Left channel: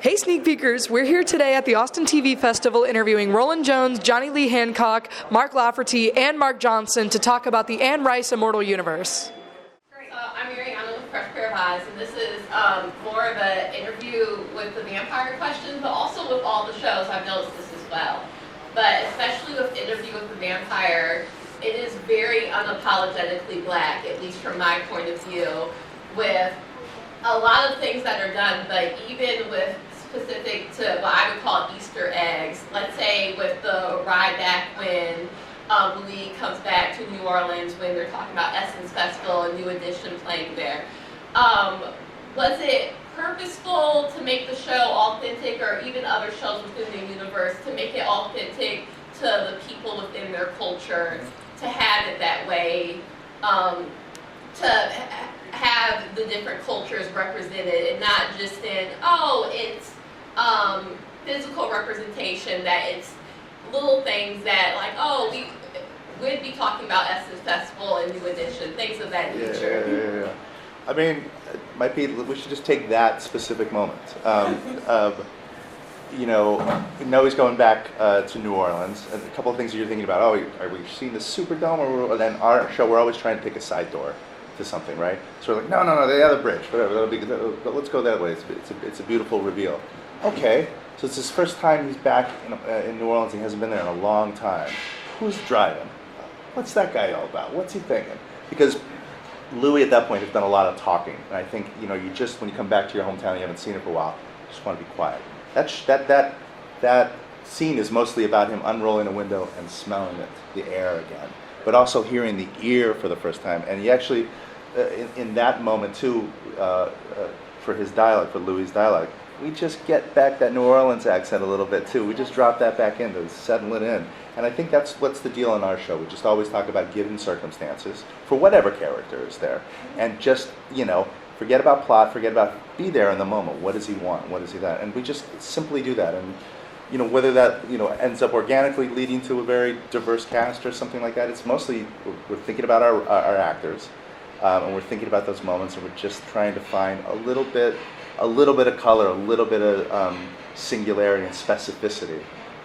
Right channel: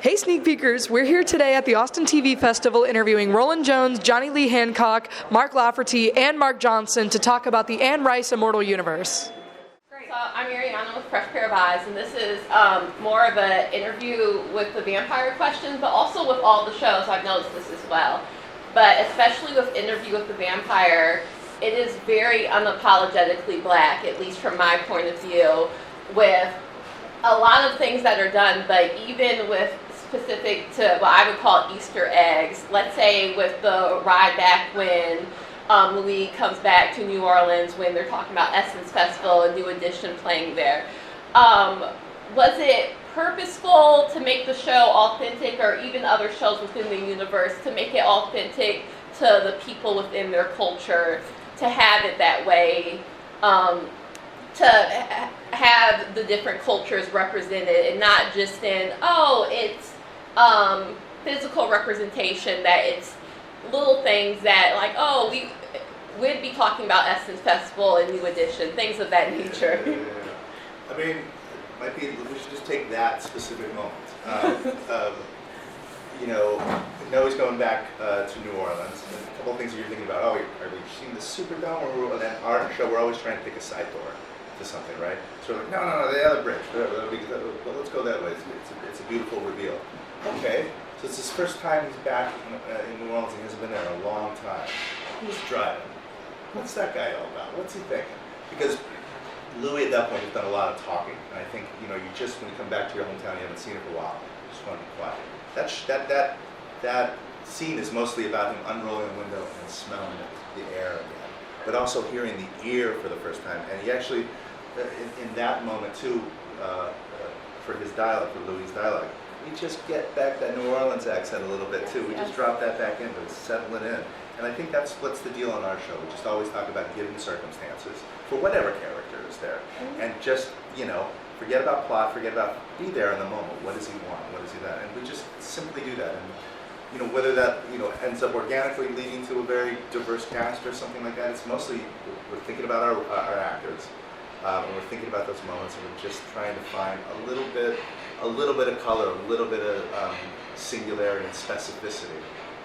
Hey Sneak Peekers, we're here today at the Austin TV Festival interviewing Rolin Jones, Johnny Lee Hancock, Mark Lafferty, and Mark Johnson to talk about the Anne Rice Immortal Universe. So I'm Mariana with Fresh Pair of Eyes, and this is more of an interview with the vampire questions, but also with all the shows. I've noticed this as well. But especially with Interview with the Vampire, it is very unapologetically black, at least from my point of view, with a lot of things that are done, but even with specific to what I would call Easter eggs. Let's say with the ride back when Louis comes back to New Orleans when they're talking about Essence Festival, a new edition playing there. Was it purposeful to make the show authentic, or even other shows within the universe, to make it authentic to the people within their culture, to have it that way, to have the different cultures represented, and not just in, oh, it's physical representation, that it's little things that, like, oh, we'd be talking about Essence Festival and New Edition, things of that nature. Yeah. I mean, it might be, we should just take that specific moment. You know he's going back to New Orleans. And a couple of things that you're thinking about, oh, are we seeing the Superdome? Or then our show, we're always trying to pick a side door to something, right? So we're like, no, the other bridge, whatever, but let's go that way. It's a beautiful reveal. Okay, so it's his first time he's back in New Orleans. He hasn't been there in a long time. Who's driving? What's that guy all about? What's he thinking? Because Louis at that point has done a lot of talking, and I think you just when you come back to your hometown, you haven't seen it for a while. You just want to be quiet. That scene is mostly about him unrolling a window and smelling the air again, but also hearing the ear for the first time. And he actually, in that moment too, for his dialect, for Louis' dialect, we just get back that New Orleans accent a little bit too. We just drop that back in to settle it in. And I think that's what's the deal on our show. We just always talk about given circumstances for whatever character is there, and just forget about plot, forget about, be there in the moment. What does he want? What is he that? And we just simply do that. And whether that ends up organically leading to a very diverse cast or something like that, it's mostly we're thinking about our actors, and we're thinking about those moments, and we're just trying to find a little bit of color, a little bit of singularity and specificity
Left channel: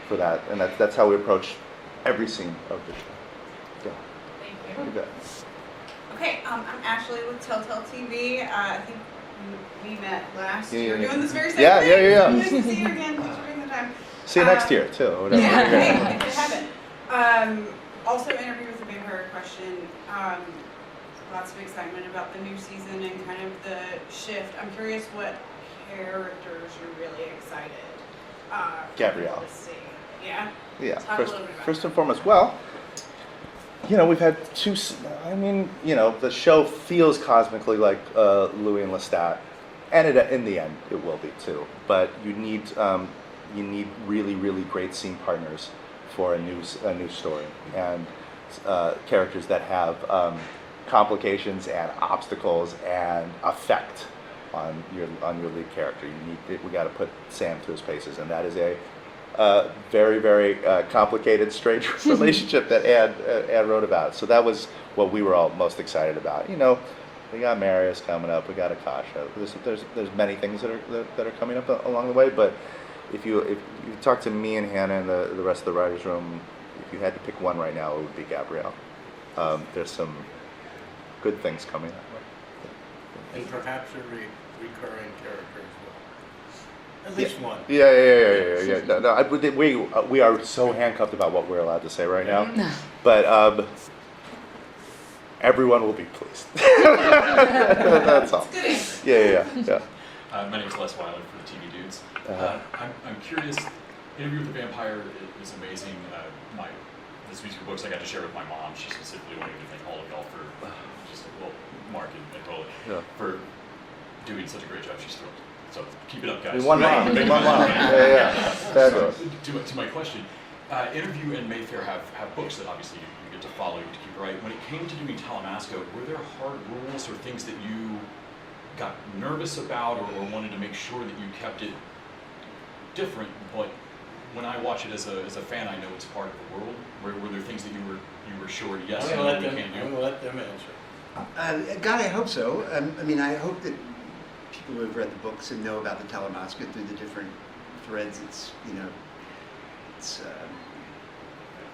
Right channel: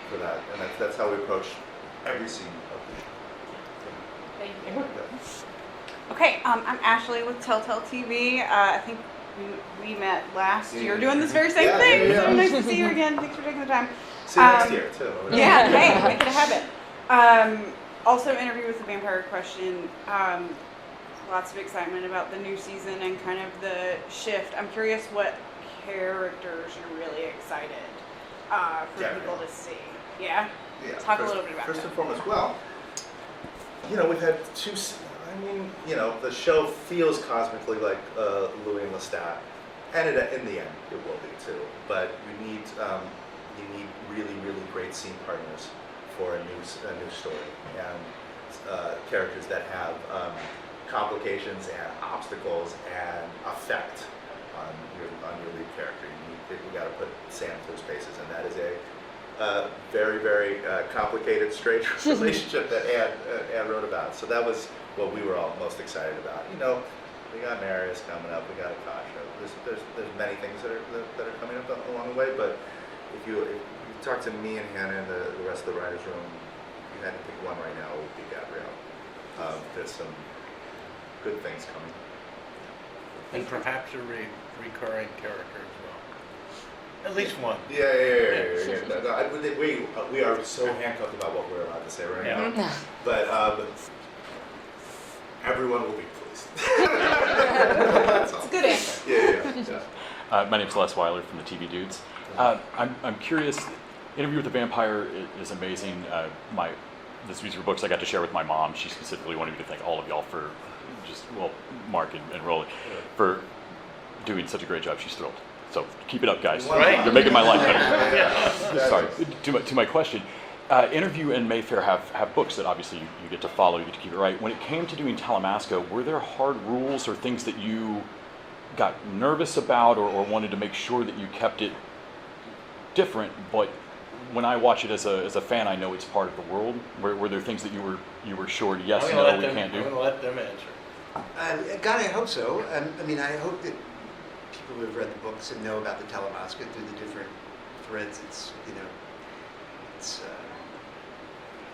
for that, and that's how we approach every scene of the show. Yeah. Thank you. Okay, I'm Ashley with Telltale TV. I think we met last year doing this very same thing. Yeah. Nice to see you again. Thanks for taking the time. See you next year too. Yeah, hey, good to have it. Also, Interview with the Vampire question. Lots of excitement about the new season and kind of the shift. I'm curious what characters you're really excited for Gabrielle people to see. Yeah? Yeah. Talk a little bit about First that. and foremost, well, we've had two. I mean, the show feels cosmically like Louis and Lestat, and in the end, it will be too. But you need really, really great scene partners for a new story, and characters that have complications and obstacles and effect on your lead character. We got to put Sam through his paces, and that is a very, very complicated, strange relationship that Anne wrote about. So that was what we were all most excited about. We got Marius coming up, we got Akasha. There's many things that are coming up along the way. But if you talk to me and Hannah and the rest of the writers' room, if you had to pick one right now, it would be Gabrielle. There's some good things coming up. And perhaps a recurring character as well. At least one. Yeah. No, we are so handcuffed about what we're allowed to say right now. But everyone will be pleased. That's all. It's a good answer. Yeah. My name's Les Weiler from the TV Dudes. I'm curious. Interview with the Vampire is amazing. These were books I got to share with my mom. She specifically wanted me to thank all of y'all for Mark and Rolin for doing such a great job. She's thrilled. So keep it up, guys. You're making my life better. To my question, Interview and Mayfair have books that obviously you get to follow, you get to keep it right. When it came to doing Talamasca, were there hard rules or things that you got nervous about or wanted to make sure that you kept it different? But when I watch it as a fan, I know it's part of the world. Were there things that you were sure you can't do? I'm going to let them answer. God, I hope so. I mean, I hope that people people who have read the books and know about the Talamasca through the different threads. It's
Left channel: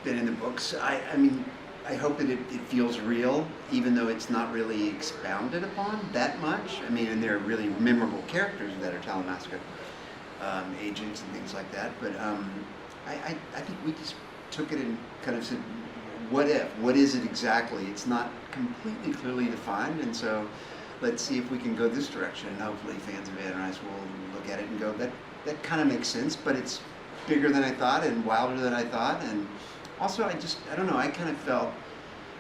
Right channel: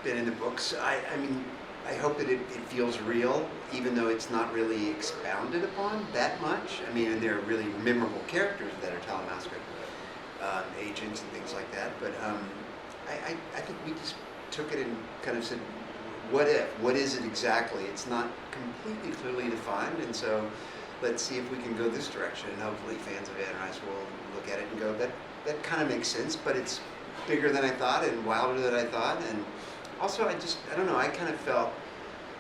been in the books. I mean, I hope that it feels real, even though it's not really expounded upon that much. I mean, and there are really memorable characters that are Talamasca agents and things like that. But I think we just took it and kind of said, what if? What is it exactly? It's not completely clearly defined, and so let's see if we can go this direction. And hopefully fans of Anne Rice will look at it and go, that kind of makes sense, but it's bigger than I thought and wilder than I thought. And also, I don't know, I kind of felt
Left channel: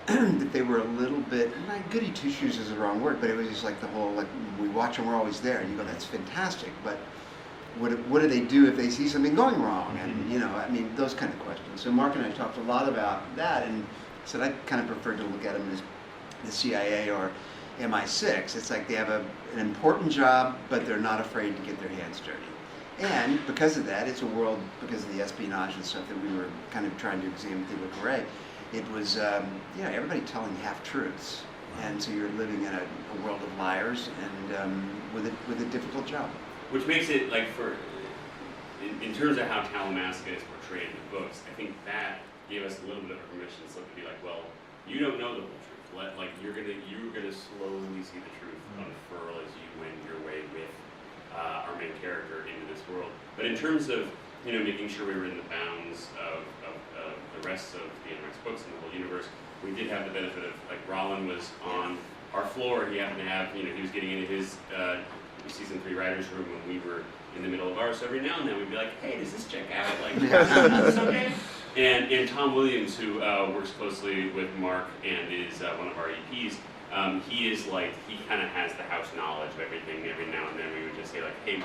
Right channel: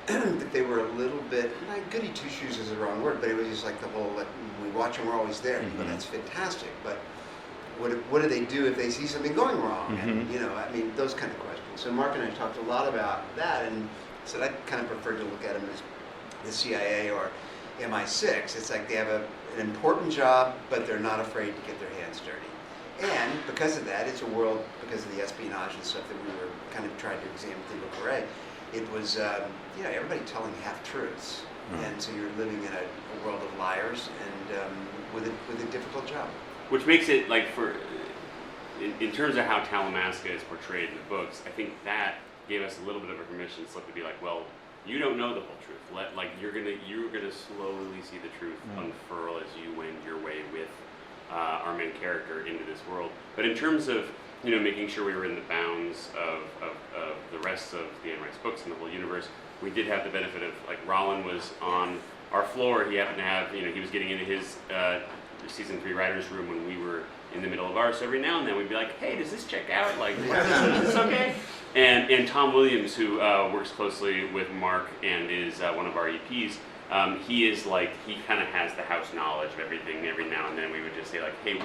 that they were a little bit, not goody two-shoes is the wrong word, but it was just like the whole, like, we watch and we're always there. And you go, that's fantastic, but what do they do if they see something going wrong? And, you know, I mean, those kind of questions. So Mark and I talked a lot about that, and said I kind of preferred to look at them as the CIA or MI6. It's like they have an important job, but they're not afraid to get their hands dirty. And because of that, it's a world, because of the espionage and stuff that we were kind of trying to examine through Le Carre, it was, you know, everybody telling half-truths. And so you're living in a world of liars and with a difficult job. Which makes it, like, in terms of how Talamasca is portrayed in the books, I think that gave us a little bit of a permission slip to be like, well, you don't know the whole truth. You're gonna slowly see the truth unfurl as you wend your way with our main character into this world. But in terms of, you know, making sure we were in the bounds of the rest of the Anne Rice books and the whole universe, we did have the benefit of, like, Rolin was on our floor. He happened to have, you know, he was getting into his season 3 writer's room when we were in the middle of ours. So every now and then we'd be like, hey, does this check out? Like, is this okay? And Tom Williams, who works closely with Mark and is one of our EPs, he is like, he kind of has the house knowledge of everything. Every now and then we would just say, like, hey,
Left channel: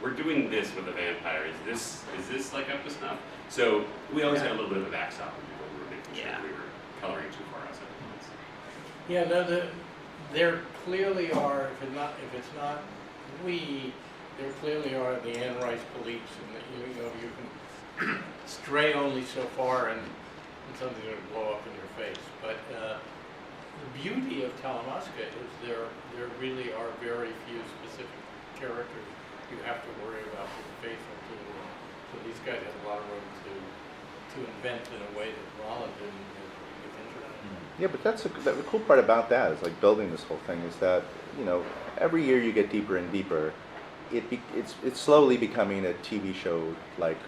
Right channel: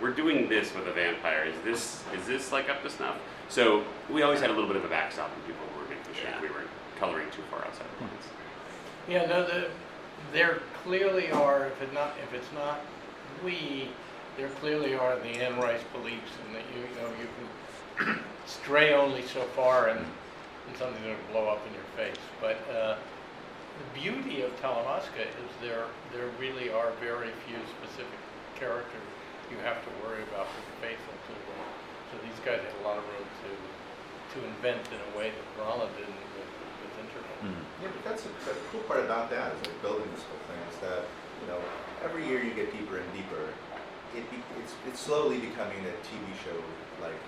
we're doing this with a vampire. Is this like up to snuff? So we always had a little bit of a backstop when people were making sure we were coloring too far outside the lines. Yeah, no, there clearly are, if it's not we, there clearly are the Anne Rice beliefs, and that you know you can stray only so far and something will blow up in your face. But the beauty of Talamasca is there really are very few specific characters you have to worry about being faithful to. So these guys had a lot of room to invent in a way that Rolin didn't with Interval. Yeah, but the cool part about that is, like, building this whole thing is that, you know, every year you get deeper and deeper. It's slowly becoming a TV show, like,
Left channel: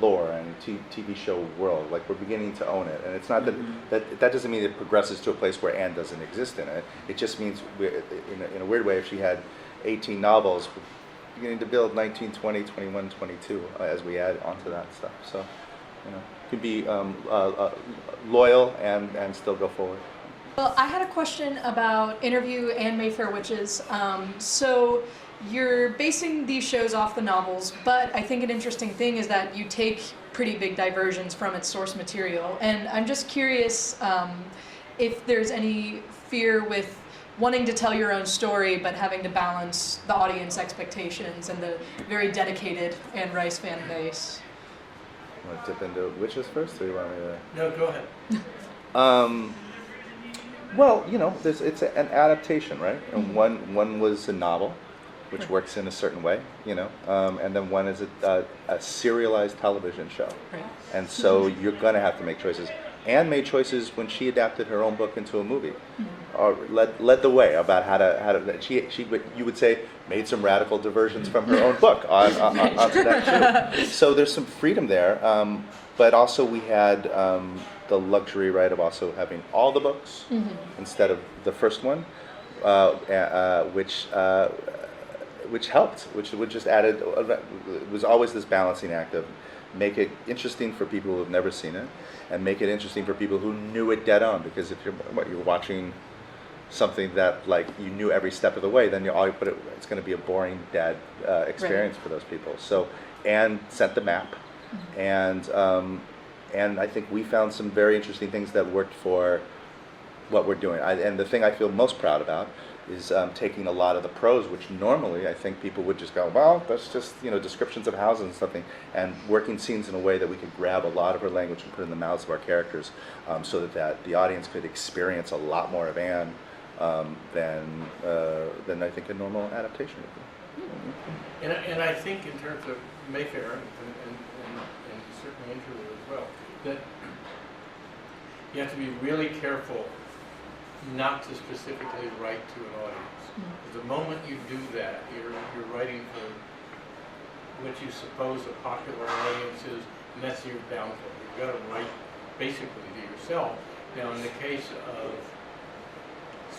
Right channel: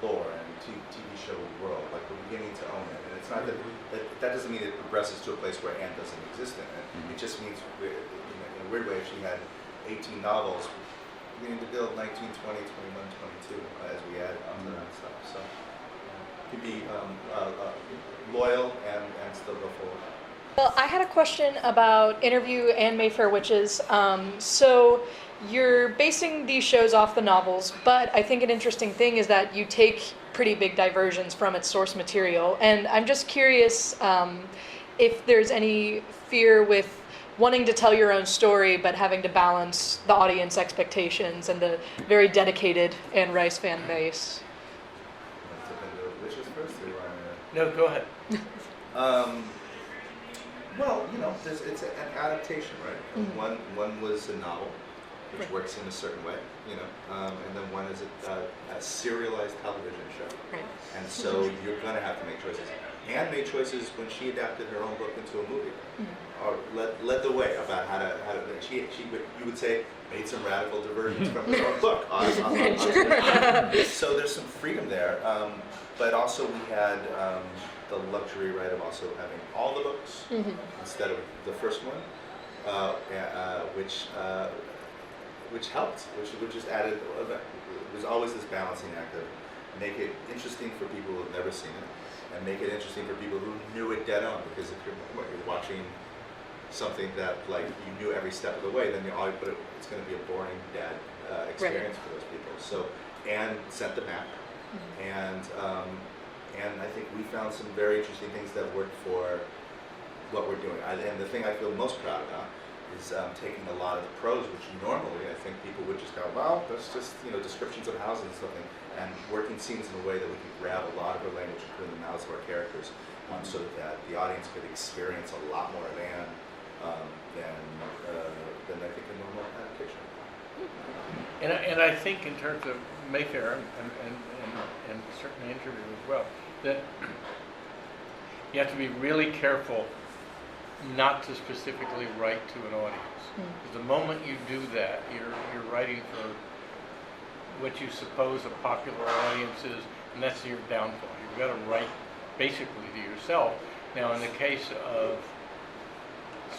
lore and TV show world. Like, we're beginning to own it, and it's not that doesn't mean it progresses to a place where Anne doesn't exist in it. It just means, in a weird way, if she had 18 novels, we're beginning to build 19, 20, 21, 22 as we add onto that stuff. So, you know, you can be loyal and still go forward. Well, I had a question about Interview and Mayfair Witches. So you're basing these shows off the novels, but I think an interesting thing is that you take pretty big diversions from its source material. And I'm just curious if there's any fear with wanting to tell your own story, but having to balance the audience expectations and the very dedicated Anne Rice fan base. Want to dip into Witches first, or you want to? No, go ahead. Well, you know, it's an adaptation, right? And one was a novel, which works in a certain way, you know, and then one is a serialized television show. Right. And so you're going to have to make choices. Anne made choices when she adapted her own book into a movie, or led the way about how to. You would say, made some radical diversions from her own book. So there's some freedom there, but also we had the luxury, right, of also having all the books instead of the first one, which helped, which just added. It was always this balancing act of make it interesting for people who have never seen it, and make it interesting for people who knew it dead on. Because if you're watching something that, like, you knew every step of the way, then it's going to be a boring dead experience for those people. So Anne sent the map, and I think we found some very interesting things that worked for what we're doing. And the thing I feel most proud about is taking a lot of the prose, which normally I think people would just go, well, that's just, you know, descriptions of houses and something, and working scenes in a way that we could grab a lot of her language and put in the mouths of our characters, so that the audience could experience a lot more of Anne than I think a normal adaptation. And I think in terms of Mayfair and certainly Interview as well, that you have to be really careful not to specifically write to an audience. Because the moment you do that, you're writing for what you suppose a popular audience is, and that's your downfall. You've got to write basically to yourself. Now, in the case of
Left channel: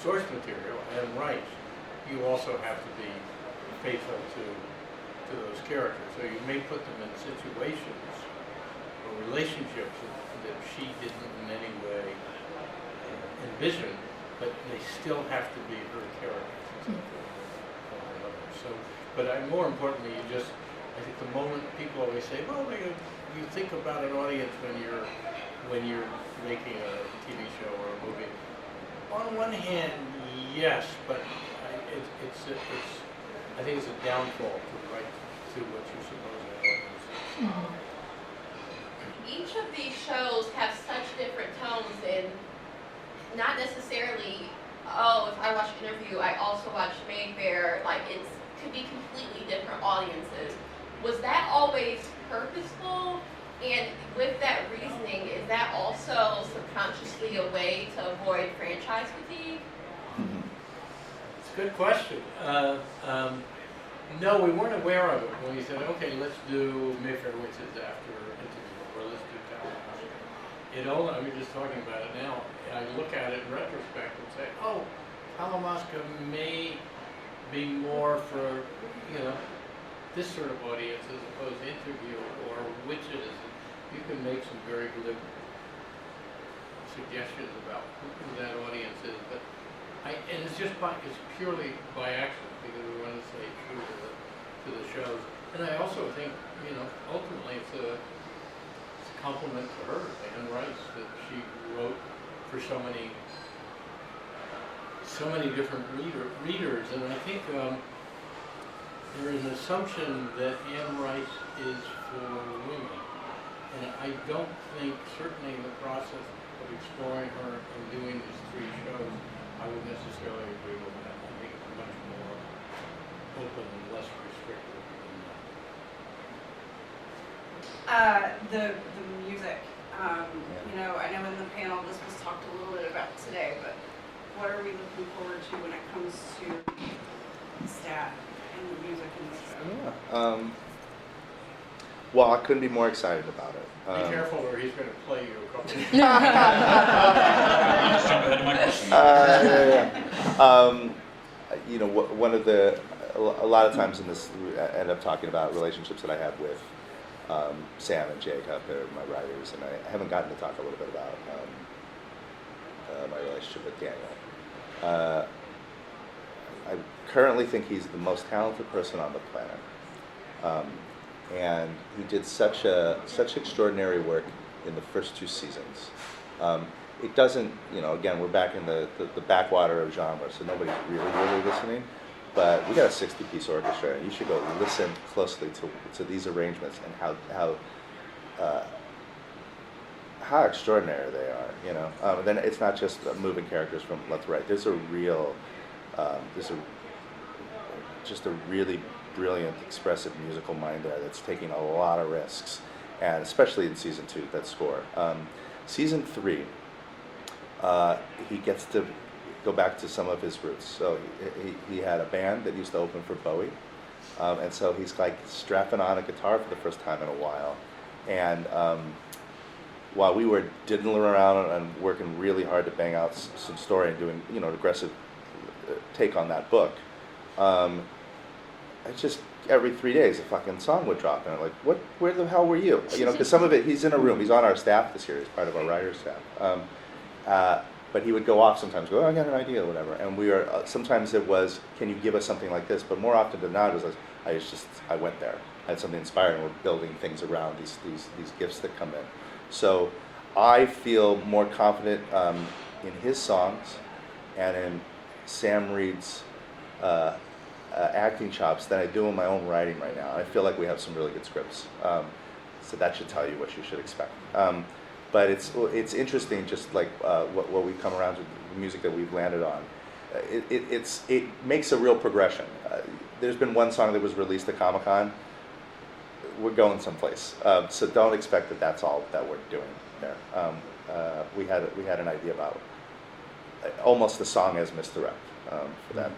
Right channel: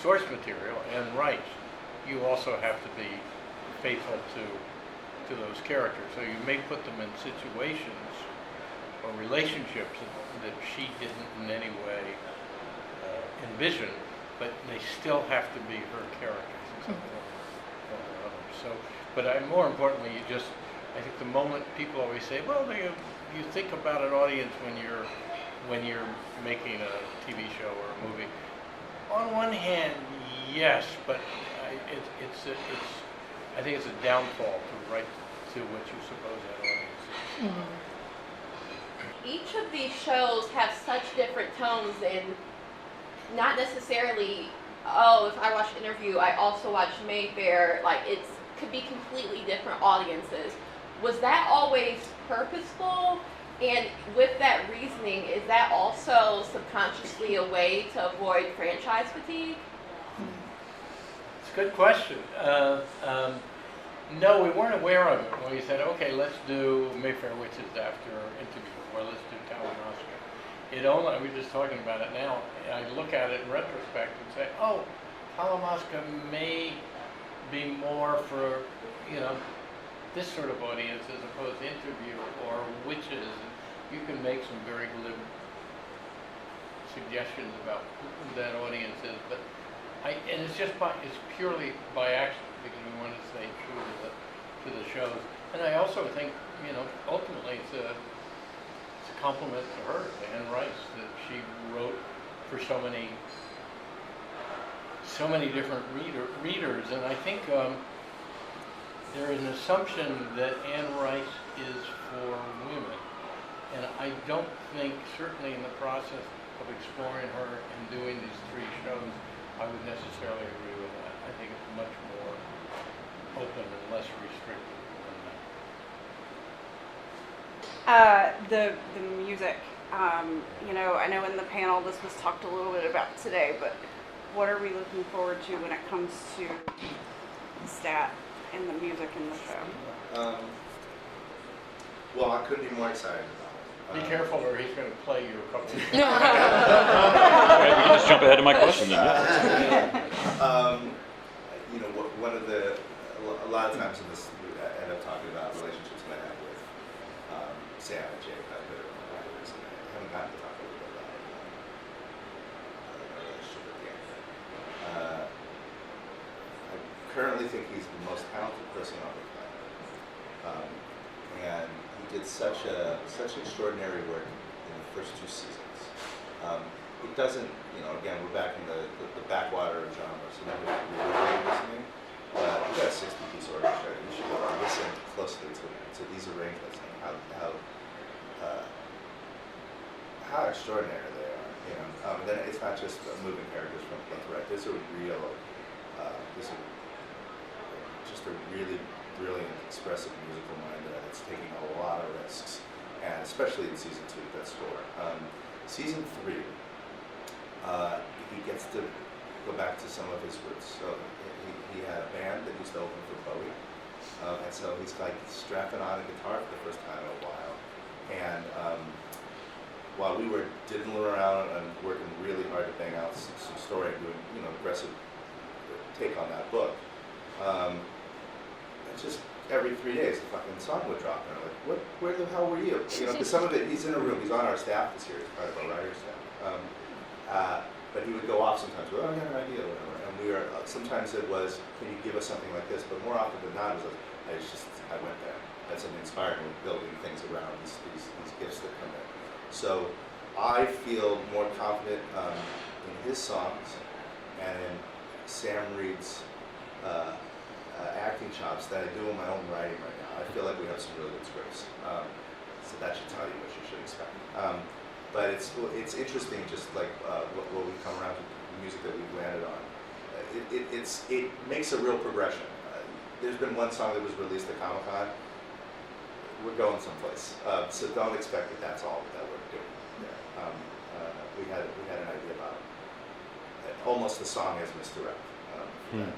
source material and rights, you also have to be faithful to those characters. So you may put them in situations or relationships that she didn't in any way envision, but they still have to be her characters in some form or another. So, but more importantly, I think the moment people always say, well, you think about an audience when you're making a TV show or a movie. On one hand, yes, but I think it's a downfall to write to what you suppose that audience is. Each of these shows have such different tones, and not necessarily, oh, if I watch Interview, I also watch Mayfair. Like, it could be completely different audiences. Was that always purposeful? And with that reasoning, is that also subconsciously a way to avoid franchise fatigue? It's a good question. No, we weren't aware of it when we said, okay, let's do Mayfair Witches after Interview, or let's do Talamasca. We were just talking about it now. I look at it in retrospect and say, oh, Talamasca may be more for, this sort of audience as opposed to Interview or Witches. You can make some very glib suggestions about who that audience is, but and it's purely by accident because we want to stay true to the shows. And I also think, ultimately it's a compliment to her, to Anne Rice, that she wrote for so many different readers. And I think there is an assumption that Anne Rice is for women. And I don't think, certainly in the process of exploring her and doing these 3 shows, I would necessarily agree with that. I think it's much more open and less restrictive than that. The music, I know in the panel this was talked a little bit about today, but what are we looking forward to when it comes to stat and the music in the show? Well, I couldn't be more excited about it. Be careful or he's going to play you a couple of times. Jump ahead of my question. A lot of times in this, we end up talking about relationships that I have with Sam and Jacob, they're my writers, and I haven't gotten to talk a little bit about my relationship with Daniel. I currently think he's the most talented person on the planet. And he did such extraordinary work in the first 2 seasons. It doesn't, again, we're back in the backwater of genre, so nobody's really listening. But we got a 60-piece orchestra. You should go listen closely to these arrangements and how extraordinary they are. Then it's not just moving characters from left to right. There's a really brilliant, expressive musical mind there that's taking a lot of risks, and especially in season 2, that score. Season 3, he gets to go back to some of his roots. So he had a band that used to open for Bowie, and so he's like strapping on a guitar for the first time in a while. And while we were diddling around and working really hard to bang out some story and doing an aggressive take on that book, it's just every 3 days a fucking song would drop, and I'm like, where the hell were you? Because some of it, he's in a room, he's on our staff this year, he's part of our writer's staff. But he would go off sometimes, go, oh, I got an idea, or whatever. And we were, sometimes it was, can you give us something like this? But more often than not, it was, I went there, I had something inspiring, we're building things around these gifts that come in. So I feel more confident in his songs and in Sam Reed's acting chops than I do in my own writing right now. I feel like we have some really good scripts, so that should tell you what you should expect. But it's interesting, just like what we come around to the music that we've landed on. it makes a real progression. There's been one song that was released at Comic-Con. We're going someplace, so don't expect that that's all that we're doing there. We had an idea about it. Almost the song as misdirect for that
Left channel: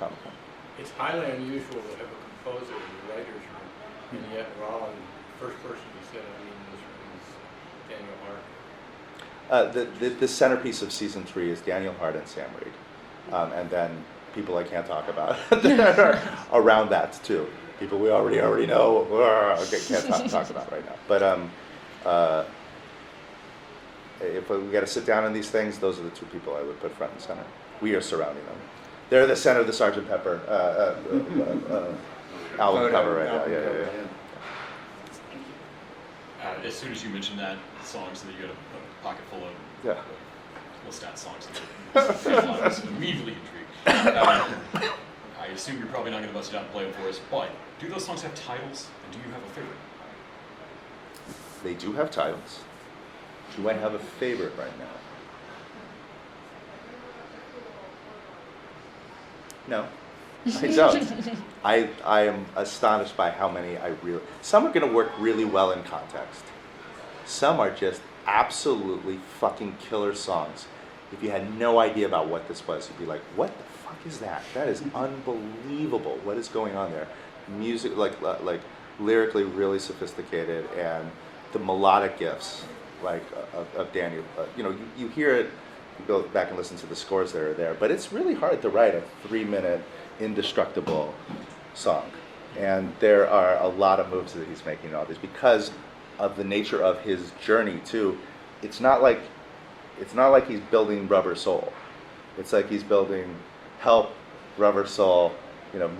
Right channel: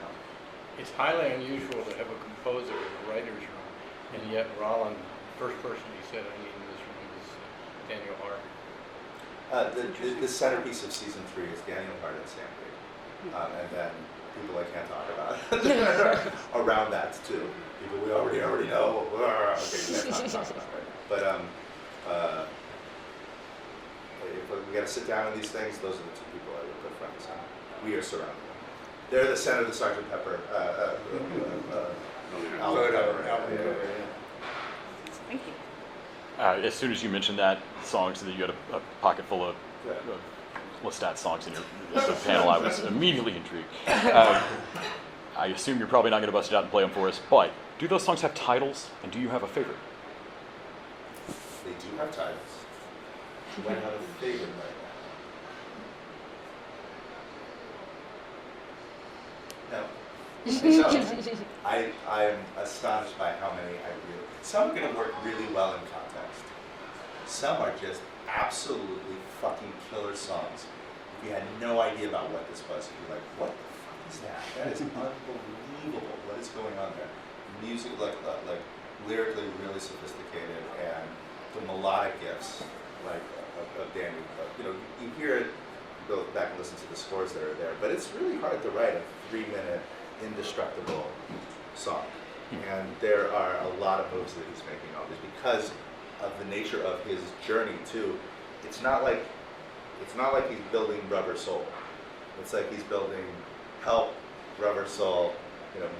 Comic-Con. It's highly unusual to have a composer in the writer's room, and yet Rolin, first person he said, I mean, in this room is Daniel Hart. The centerpiece of season 3 is Daniel Hart and Sam Reed, and then people I can't talk about around that too. People we already know. Okay, can't talk about right now. But if we got to sit down on these things, those are the two people I would put front and center. We are surrounding them. They're the center of the Sgt. Pepper album cover right now. Yeah. Thank you. As soon as you mentioned that song, so that you had a pocket full of Lestat songs in it, I was immediately intrigued. I assume you're probably not going to bust it out and play them for us, but do those songs have titles, and do you have a favorite? They do have titles. Do I have a favorite right now? No, I don't. I am astonished by how many I really. Some are going to work really well in context. Some are just absolutely fucking killer songs. If you had no idea about what this was, you'd be like, "What the fuck is that? That is unbelievable. What is going on there?" Music, like lyrically, really sophisticated, and the melodic gifts, like of Daniel. You hear it. Go back and listen to the scores that are there, but it's really hard to write a 3-minute indestructible song, and there are a lot of moves that he's making all this because of the nature of his journey too. It's not like he's building Rubber Soul. It's like he's building Help, Rubber Soul,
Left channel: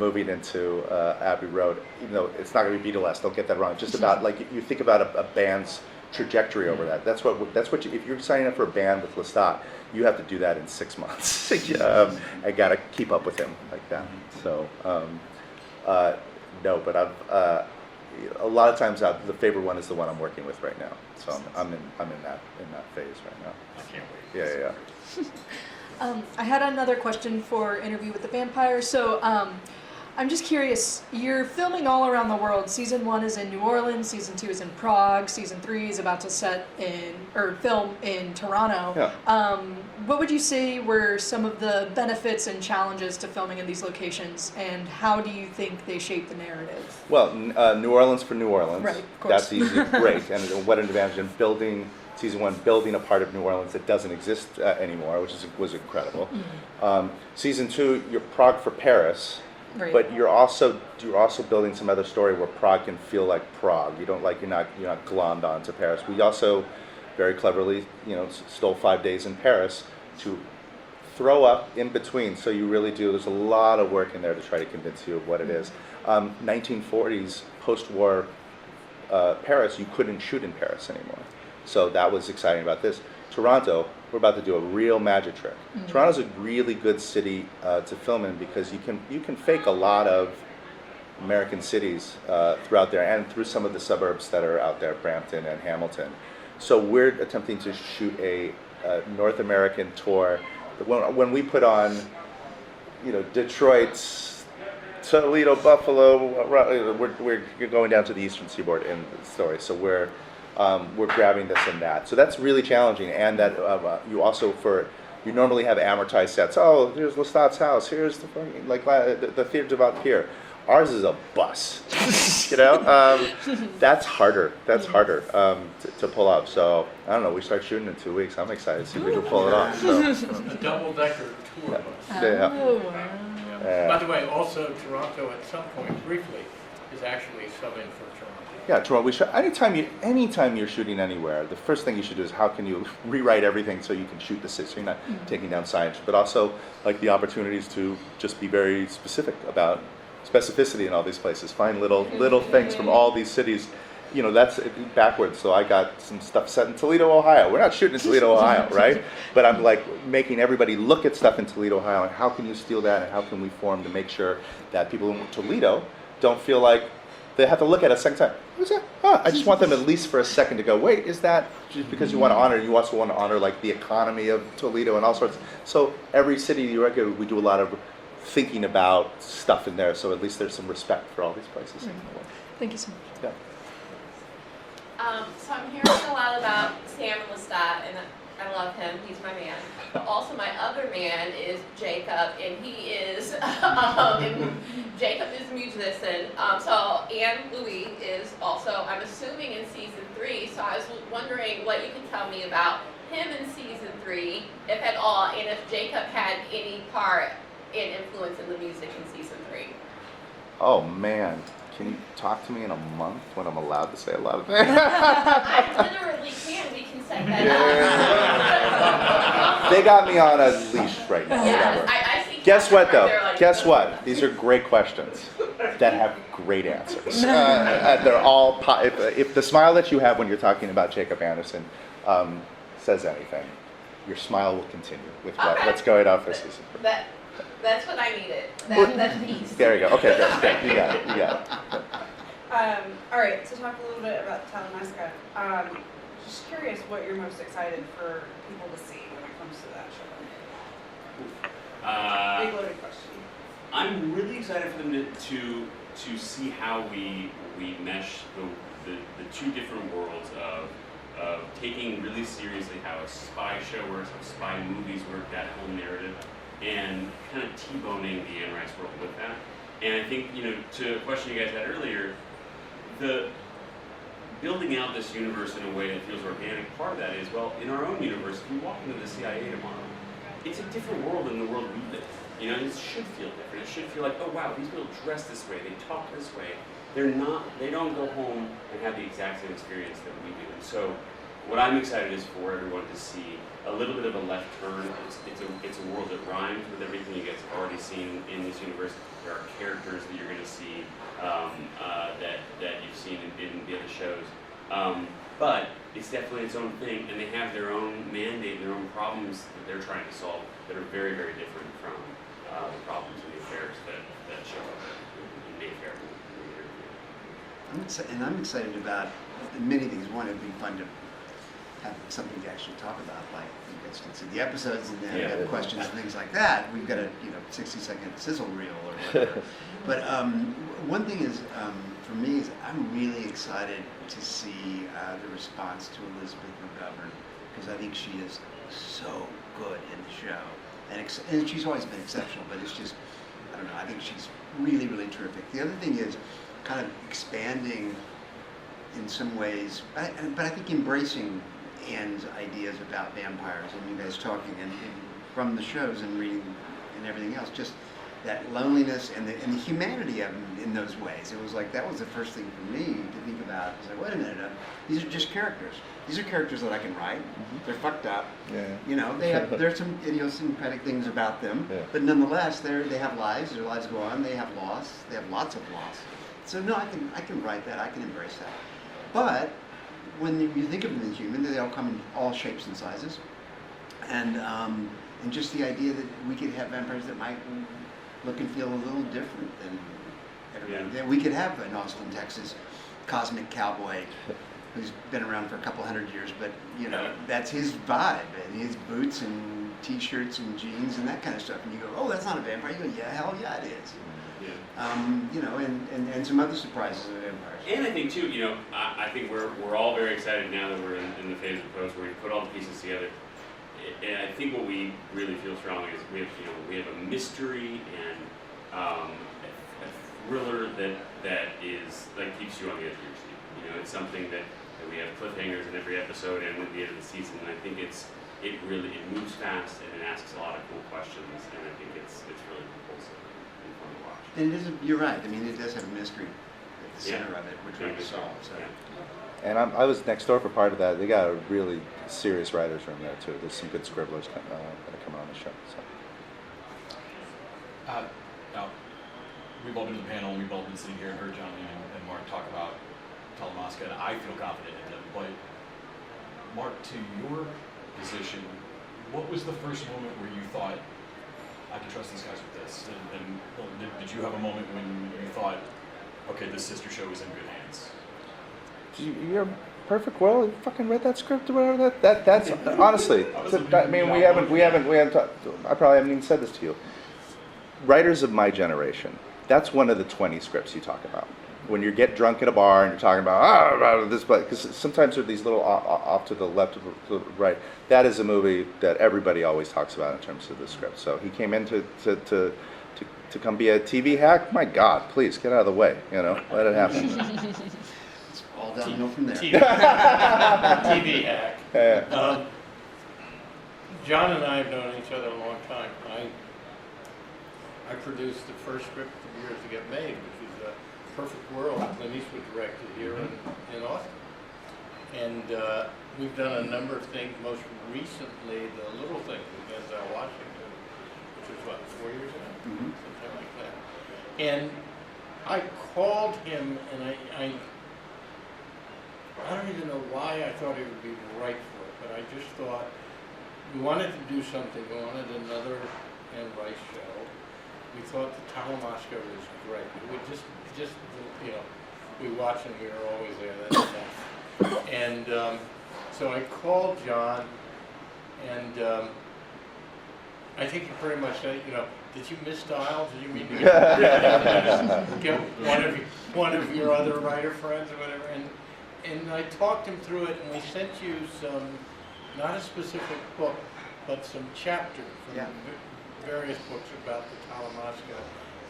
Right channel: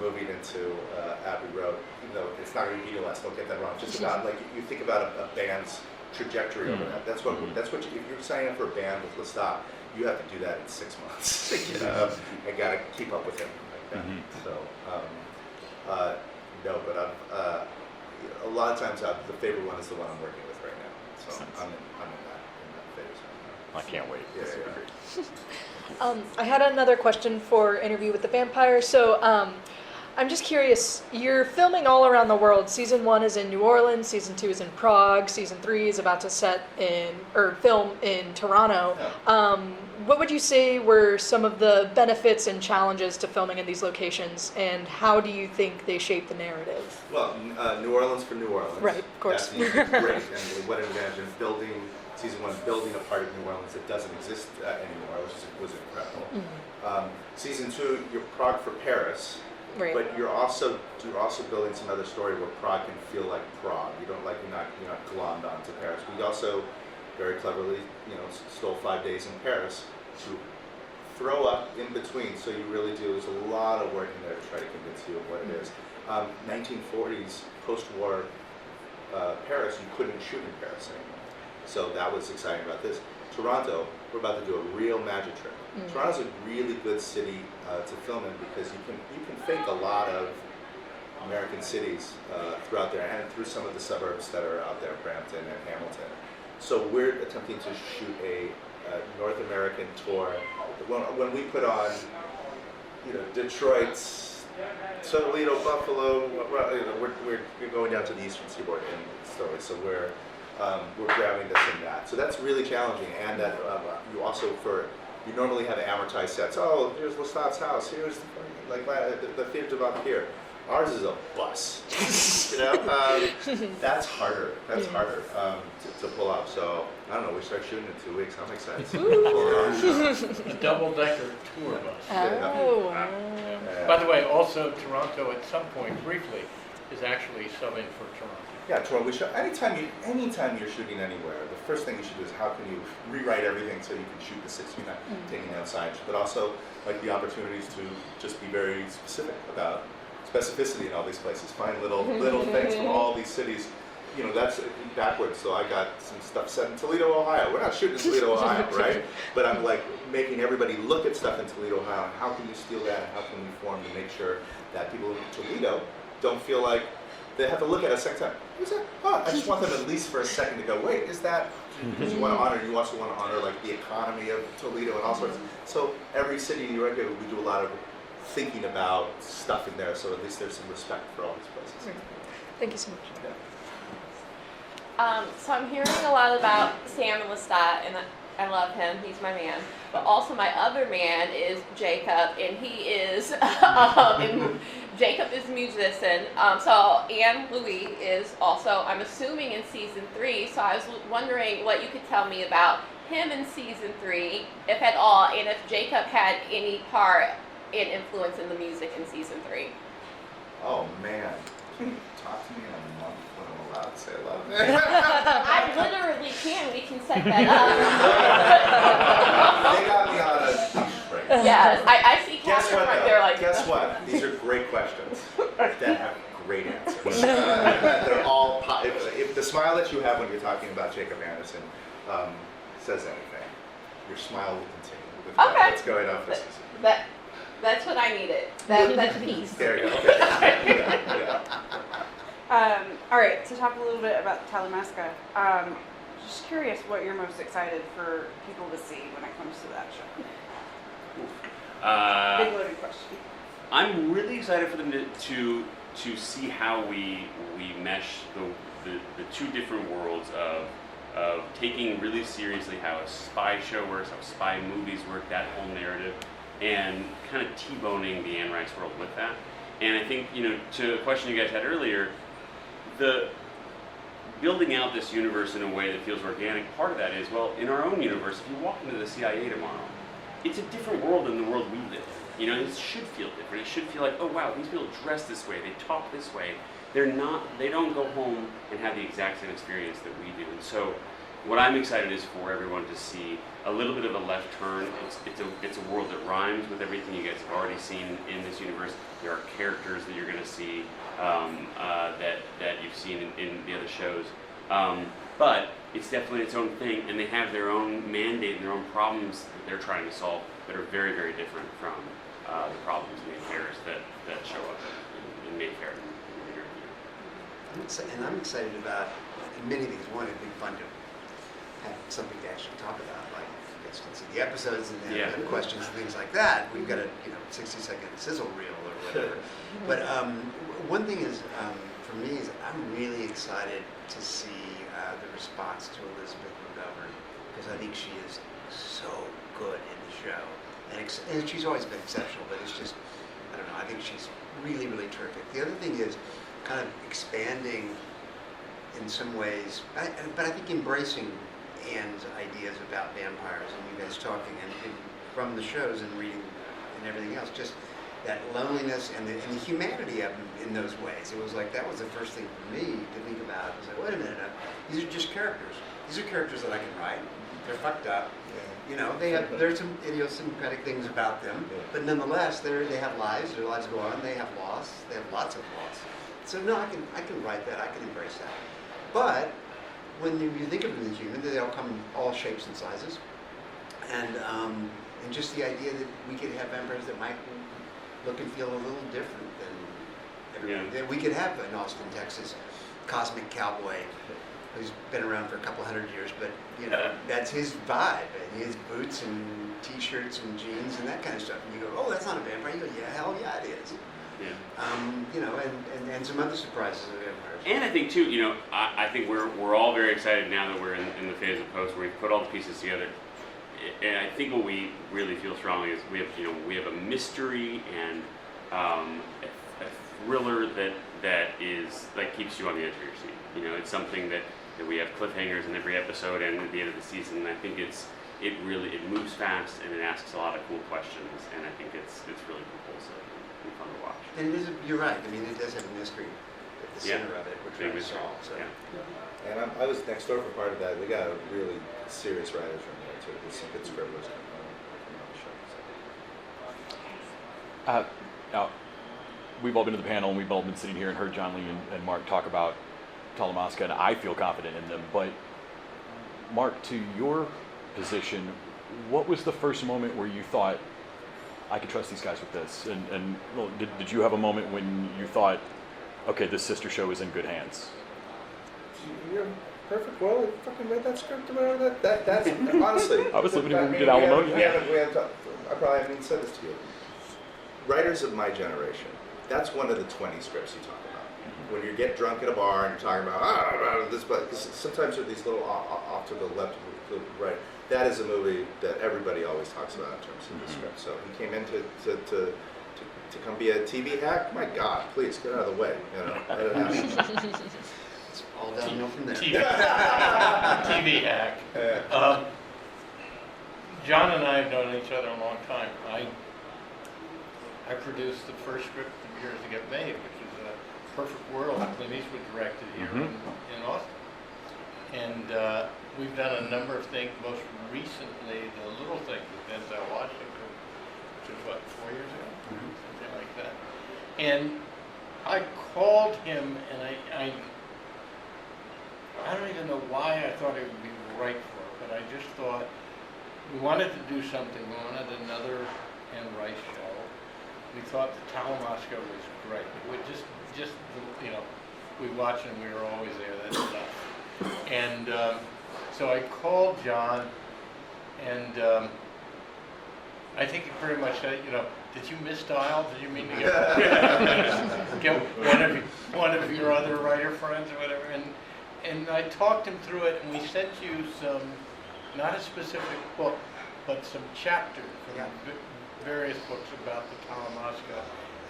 moving into Abbey Road. Even though it's not going to be Beatlesque, don't get that wrong. Just about like you think about a band's trajectory over that. That's what if you're signing up for a band with Lestat, you have to do that in 6 months. I got to keep up with him like that. So no, but I've a lot of times the favorite one is the one I'm working with right now. So I'm in that phase right now. I can't wait. Yeah. I had another question for Interview with the Vampire. So I'm just curious, you're filming all around the world. Season 1 is in New Orleans, Season 2 is in Prague, Season 3 is about to film in Toronto. Yeah. What would you say were some of the benefits and challenges to filming in these locations, and how do you think they shape the narrative? Well, New Orleans for New Orleans. Right, of course. That's great, and what an advantage in building Season 1, building a part of New Orleans that doesn't exist anymore, which was incredible. Mm-hmm. Season 2, you're Prague for Paris. Right. But you're also building some other story where Prague can feel like Prague. You're not glommed onto Paris. We also very cleverly, stole 5 days in Paris to throw up in between. So you really do. There's a lot of work in there to try to convince you of what it is. 1940s post-war Paris, you couldn't shoot in Paris anymore. So that was exciting about this. Toronto, we're about to do a real magic trick. Mm-hmm. Toronto's a really good city to film in because you can fake a lot of American cities throughout there and through some of the suburbs that are out there, Brampton and Hamilton. So we're attempting to shoot a North American tour. When we put on, Detroit, Toledo, Buffalo, we're going down to the Eastern Seaboard in the story. So we're grabbing this and that. So that's really challenging, and that you normally have amortized sets. Oh, here's Lestat's house. Here's the theater's about here. Ours is a bus. That's harder. That's harder to pull off. So I don't know. We start shooting in 2 weeks. I'm excited to see if we can pull it off. A double-decker tour bus. Oh, wow. By the way, also Toronto at some point, briefly, is actually subbing for Toronto. Yeah, Toronto. Anytime you're shooting anywhere, the first thing you should do is how can you rewrite everything so you can shoot the city. So you're not taking down science, but also like the opportunities to just be very specific about specificity in all these places. Find little things from all these cities. That's backwards. So I got some stuff set in Toledo, Ohio. We're not shooting in Toledo, Ohio, right? But I'm like making everybody look at stuff in Toledo, Ohio, and how can you steal that, and how can we form to make sure that people in Toledo don't feel like they have to look at it a second time. Who's that? Huh. I just want them at least for a second to go, wait, is that because you want to honor? You also want to honor like the economy of Toledo and all sorts. So every city you regular, we do a lot of thinking about stuff in there. So at least there's some respect for all these places. Thank you so much. Yeah. So I'm hearing a lot about Sam and Lestat, and I love him. He's my man. But also my other man is Jacob, and he is Jacob is a musician. So Anne Louis is also, I'm assuming, in season 3. So I was wondering what you could tell me about him in season 3, if at all, and if Jacob had any part in influence in the music in season 3. Oh man, can you talk to me in a month when I'm allowed to say a lot of things? I literally can. We can set that up. They got me on a leash right now. Yes, I see. Guess Catherine what right though? there like, Guess what? These are great questions that have great answers. They're all if the smile that you have when you're talking about Jacob Anderson says anything, your smile will continue with what's going on for season 3. That's what I needed. That's peace. There you go. Okay, you got it. You got it. All right, to talk a little bit about Talamasca. Just curious what you're most excited for people to see when it comes to that show. Big loaded question. I'm really excited for them to see how we mesh the two different worlds of taking really seriously how a spy show works, how spy movies work, that whole narrative, and kind of T-boning the Anne Rice world with that. And I think, to a question you guys had earlier, the building out this universe in a way that feels organic, part of that is, well, in our own universe, if you walk into the CIA tomorrow, it's a different world than the world we live in. It should feel different. It should feel like, oh wow, these people dress this way, they talk this way. They don't go home and have the exact same experience that we do. And so what I'm excited is for everyone to see a little bit of a left turn. It's a world that rhymes with everything you guys have already seen in this universe. There are characters that you're going to see that you've seen in the other shows. But it's definitely its own thing, and they have their own mandate, their own problems that they're trying to solve that are very, very different from the problems and the affairs that show up in Mayfair. I'm excited about many things. One, it'd be fun to have something to actually talk about, like you guys can see the episodes and then have questions and things like that. We've got a 60-second sizzle reel or whatever. But one thing is, for me, is I'm really excited to see the response to Elizabeth McGovern, because I think she is so good in the show. And she's always been exceptional, but it's just, I don't know, I think she's really, really terrific. The other thing is kind of expanding in some ways, but I think embracing Anne's ideas about vampires and you guys talking and from the shows and reading and everything else, just that loneliness and the humanity of them in those ways. It was like, that was the first thing for me to think about. I was like, wait a minute, these are just characters. These are characters that I can write. They're fucked up. Yeah. There's some idiosyncratic things about them, but nonetheless, they have lives. Their lives go on. They have loss. They have lots of loss. So no, I can write that. I can embrace that. But when you think of them as human, they all come in all shapes and sizes, and just the idea that we could have vampires that might look and feel a little different than everybody. Yeah. That we could have an Austin, Texas, cosmic cowboy who's been around for a couple hundred years, but that's his vibe, and his boots and t-shirts and jeans and that kind of stuff. And you go, oh, that's not a vampire. You go, yeah, hell yeah, it is. Yeah. And some other surprises of vampires. And I think too, I think we're all very excited now that we're in the phase of post where we put all the pieces together. And I think what we really feel strongly is we have a mystery and a thriller that keeps you on the edge of your seat. It's something that we have cliffhangers in every episode and at the end of the season. And I think it moves fast and it asks a lot of cool questions, and I think it's really propulsive and fun to watch. And you're right. I mean, it does have a mystery at the center of it, which we solve. So. Yeah. And I was next door for part of that. They got a really serious writers room there too. There's some good scribblers coming on the show. So. Now, we've all been to the panel, and we've all been sitting here and heard John Lee and Mark talk about Talamasca, and I feel confident in them. But Mark, to your position, what was the first moment where you thought, I can trust these guys with this? And did you have a moment when you thought, okay, this sister show is in good hands? You're perfect. Well, you fucking read that script or whatever. That's honestly. I was hoping I you'd mean, get out we haven't. I probably haven't even said this to you. Writers of my generation. That's one of the 20 scripts you talk about. When you get drunk in a bar and you're talking about this, because sometimes there are these little off to the left, to the right. That is a movie that everybody always talks about in terms of the script. So he came in to come be a TV hack. My God, please get out of the way. You know, let it happen. It's all downhill from there. TV hack. Uh, John and I have known each other a long time. I produced the first script of Years to Get Made, which was Perfect World, Clint Eastwood directed here in Austin. And we've done a number of things, most recently The Little Things with Denzel Washington, which was what, 4 years ago? Something like that. And I called him, and I don't even know why I thought he would be right for it, but I just thought we wanted to do something. We wanted another Anne Rice show. We thought the Talamasca was great. It would just you know, we watched and we were always there, that stuff. And so I called John, and I think he pretty much said, you know, did you misdial? Did you mean to get one of your other writer friends or whatever? And I talked him through it, and we sent you some, not a specific book, but some chapters from various books about the Talamasca.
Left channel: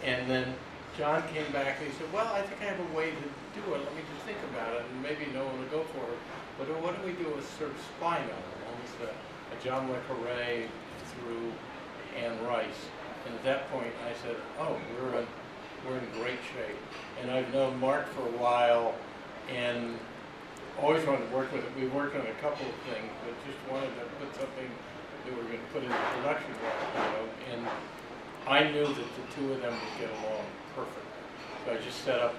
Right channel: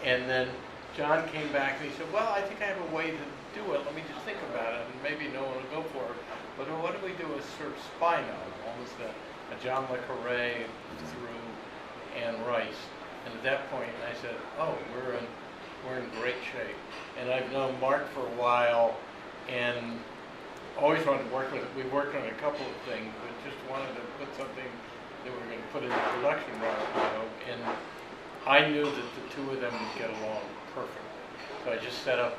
And then John came back and he said, well, I think I have a way to do it. Let me just think about it, and maybe no one will go for it. But what do we do with sort of spy novel, almost a John le Carré through Anne Rice? And at that point, I said, oh, we're in great shape. And I've known Mark for a while, and always wanted to work with it. We worked on a couple of things, but just wanted to put something that we were going to put into production right, you know. And I knew that the two of them would get along perfectly. So I just set up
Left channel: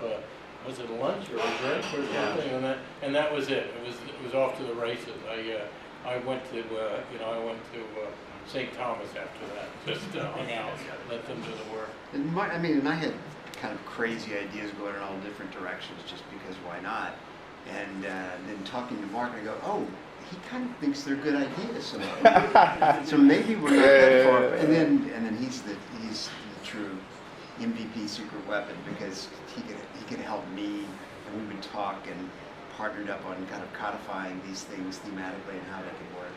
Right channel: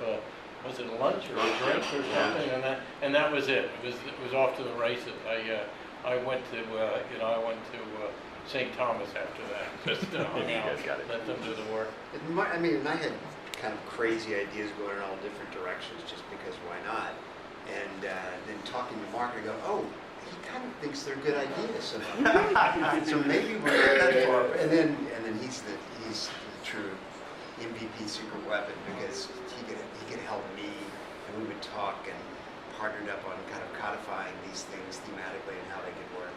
was it a lunch or a drink or something, and that was it. It was off to the races. I went to St. Thomas after that. Just hung out, let them do the work. And I had kind of crazy ideas going in all different directions just because why not? And then talking to Mark, I go, oh, he kind of thinks they're good ideas. So maybe we're not that far. And then he's the true MVP secret weapon because he could help me, and we would talk and partnered up on kind of codifying these things thematically and how they could work.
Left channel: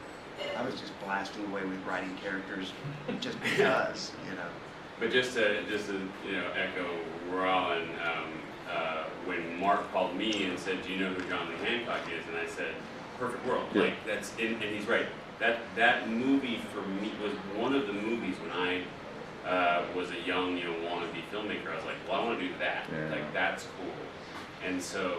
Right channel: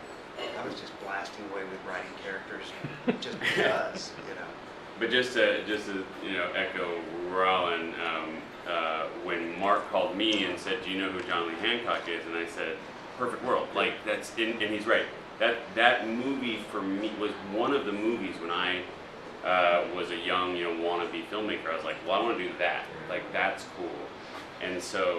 I was just blasting away with writing characters just because, you know. But just to echo Rolin, when Mark called me and said, "Do you know who John Lee Hancock is?" and I said, "Perfect World." Like and he's right. That movie for me was one of the movies when I was a young wannabe filmmaker. I was like, well, I want to do that. Yeah. Like that's cool. And so,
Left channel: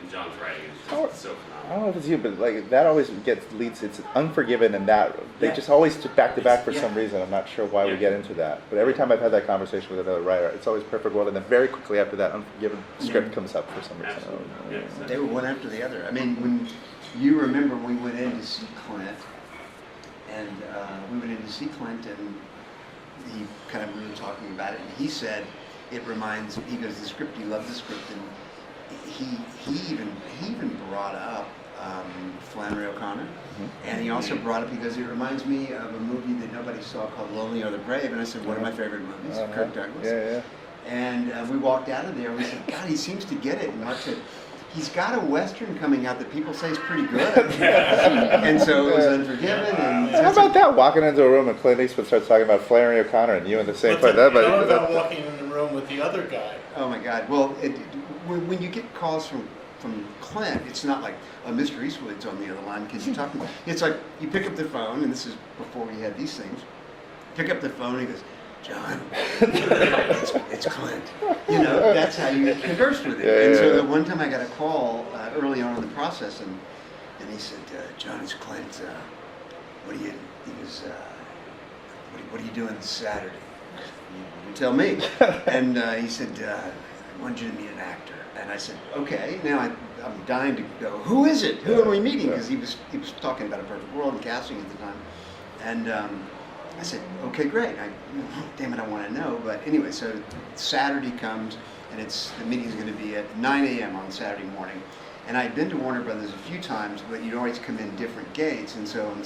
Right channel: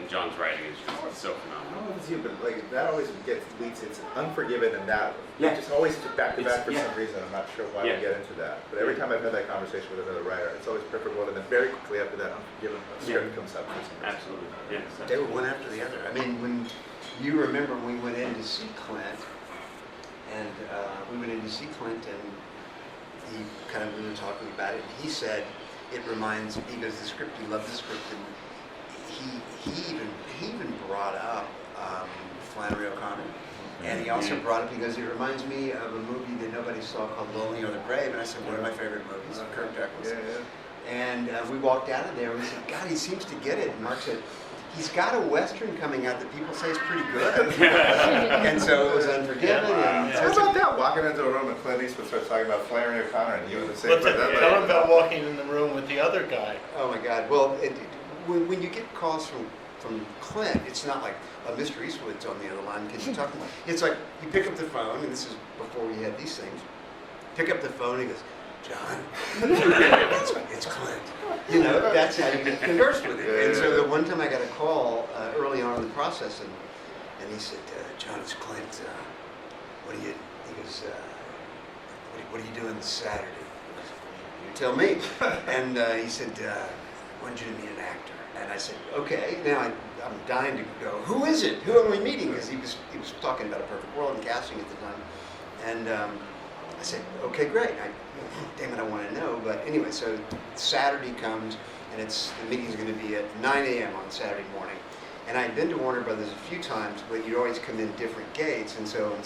and John's writing is just so phenomenal. I don't know if it's you, but like that always leads. It's Unforgiven and that they just always back to back for some reason. I'm not sure why we get into that. But every time I've had that conversation with another writer, it's always Perfect World, and then very quickly after that, Unforgiven script comes up for some reason. Absolutely. Yes. They were one after the other. I mean, when you remember we went in to see Clint, and we were talking about it, and he said, it reminds, he goes, the script, he loved the script, and he even brought up Flannery O'Connor, and he also brought up, he goes, it reminds me of a movie that nobody saw called Lonely or the Brave, and I said, one of my favorite movies, Kirk Douglas. Yeah. And we walked out of there, and we said, God, he seems to get it, and Mark said, he's got a Western coming out that people say is pretty good. And so it was Unforgiven. And How about that? Walking into a room and Clint Eastwood starts talking about Flannery O'Connor and you in the same place. Tell him about walking in the room with the other guy. Oh my God. Well, when you get calls from Clint, it's not like, Mr. Eastwood's on the other line. Can you talk to me? It's like you pick up the phone, and this is before we had these things. Pick up the phone, and he goes, John, it's Clint. You know, that's how you conversed with him. And so the one time I got a call early on in the process, and he said, John, it's Clint. What are you? He goes, what are you doing Saturday? You tell me. And he said, I wanted you to meet an actor. And I said, okay. Now I'm dying to go. Who is it? Who are we meeting? Because he was talking about A Perfect World and casting at the time. And I said, okay, great. Damn it, I want to know. But anyway, so Saturday comes, and the meeting's going to be at 9 a.m. on Saturday morning. And I'd been to Warner Brothers a few times, but you'd always come in different gates. And so on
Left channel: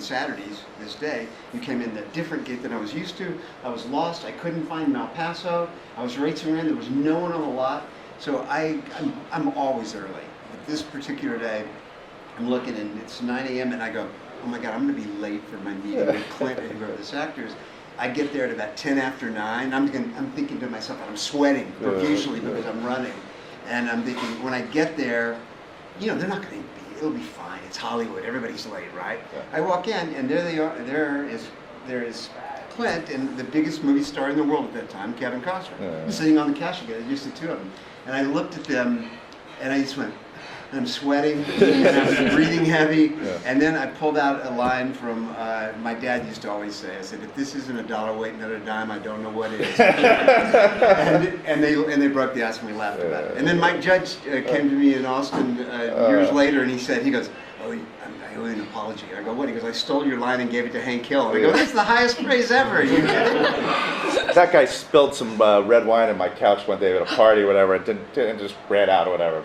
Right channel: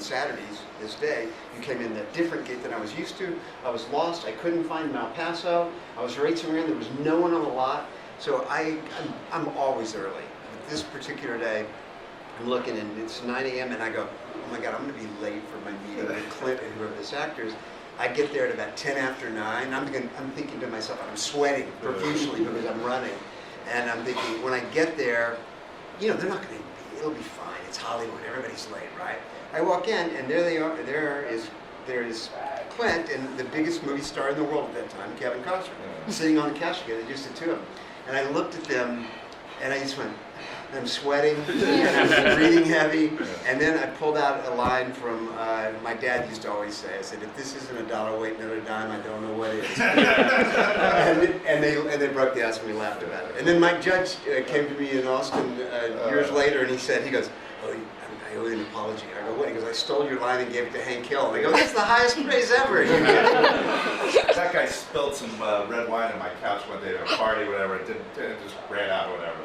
Saturdays, this day, you came in a different gate than I was used to. I was lost. I couldn't find El Paso. I was racing around. There was no one on the lot. So I'm always early. But this particular day, I'm looking, and it's 9 a.m., and I go, oh my God, I'm going to be late for my meeting with Clint and whoever this actor is. I get there at about 10 after 9. I'm thinking to myself, I'm sweating profusely because I'm running. And I'm thinking, when I get there, they're not going to be, it'll be fine. It's Hollywood. Everybody's late, right? I walk in, and there they are. There is Clint and the biggest movie star in the world at that time, Kevin Costner, sitting on the couch together, just the two of them. And I looked at them, and I just went, and I'm sweating, and I'm breathing heavy. And then I pulled out a line from my dad used to always say. I said, "If this isn't $1 weight another dime, I don't know what is." and they broke the ice, and we laughed about it. And then Mike Judge came to me in Austin years later, and he goes, "Oh, I owe you an apology." I go, "What?" He goes, "I stole your line and gave it to Hank Hill." And I go, "That's the highest praise ever." You That guy spilled some red wine in my couch one day at a party or whatever, and just ran out or whatever.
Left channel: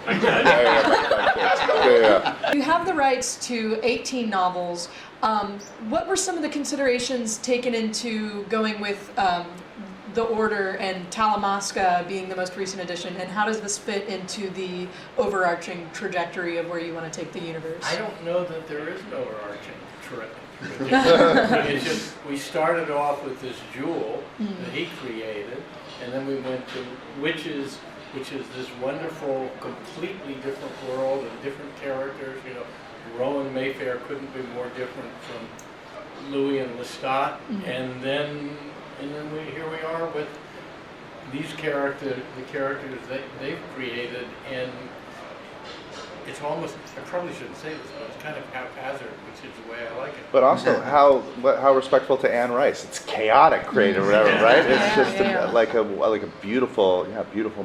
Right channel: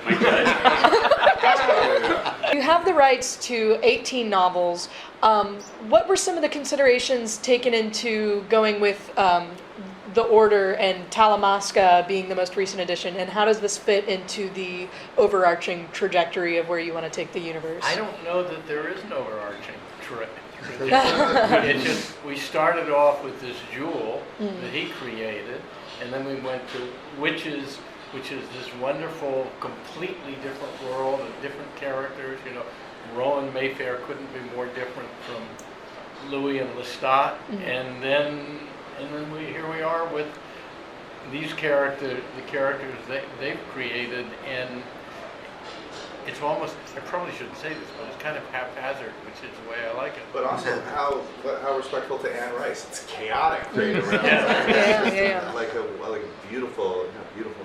You have the rights to 18 novels. What were some of the considerations taken into going with the Order and Talamasca being the most recent addition, and how does this fit into the overarching trajectory of where you want to take the universe? I don't know that there is an overarching trajectory. It's just, we started off with this jewel that he created, and then we went to Witches, which is this wonderful, completely different world of different characters. Rolin Mayfair couldn't be more different from Louis and Lestat, and then here we are with these characters, the characters they've created, and it's almost, I probably shouldn't say this, but it's kind of haphazard, which is the way I like it. But also, how respectful to Anne Rice. It's chaotic, creative, right? It's just like a beautiful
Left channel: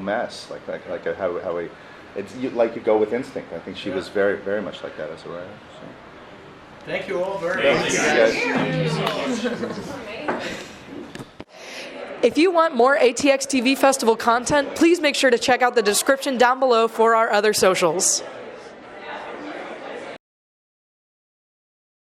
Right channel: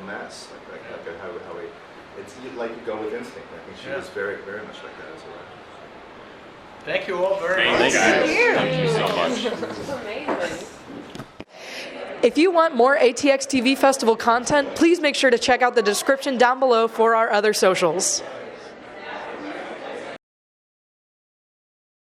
mess, like you go with instinct. I think she was very, very much like that as a writer. So. Thank you all very much. Thank you so much. This is amazing. If you want more ATX TV Festival content, please make sure to check out the description down below for our other socials.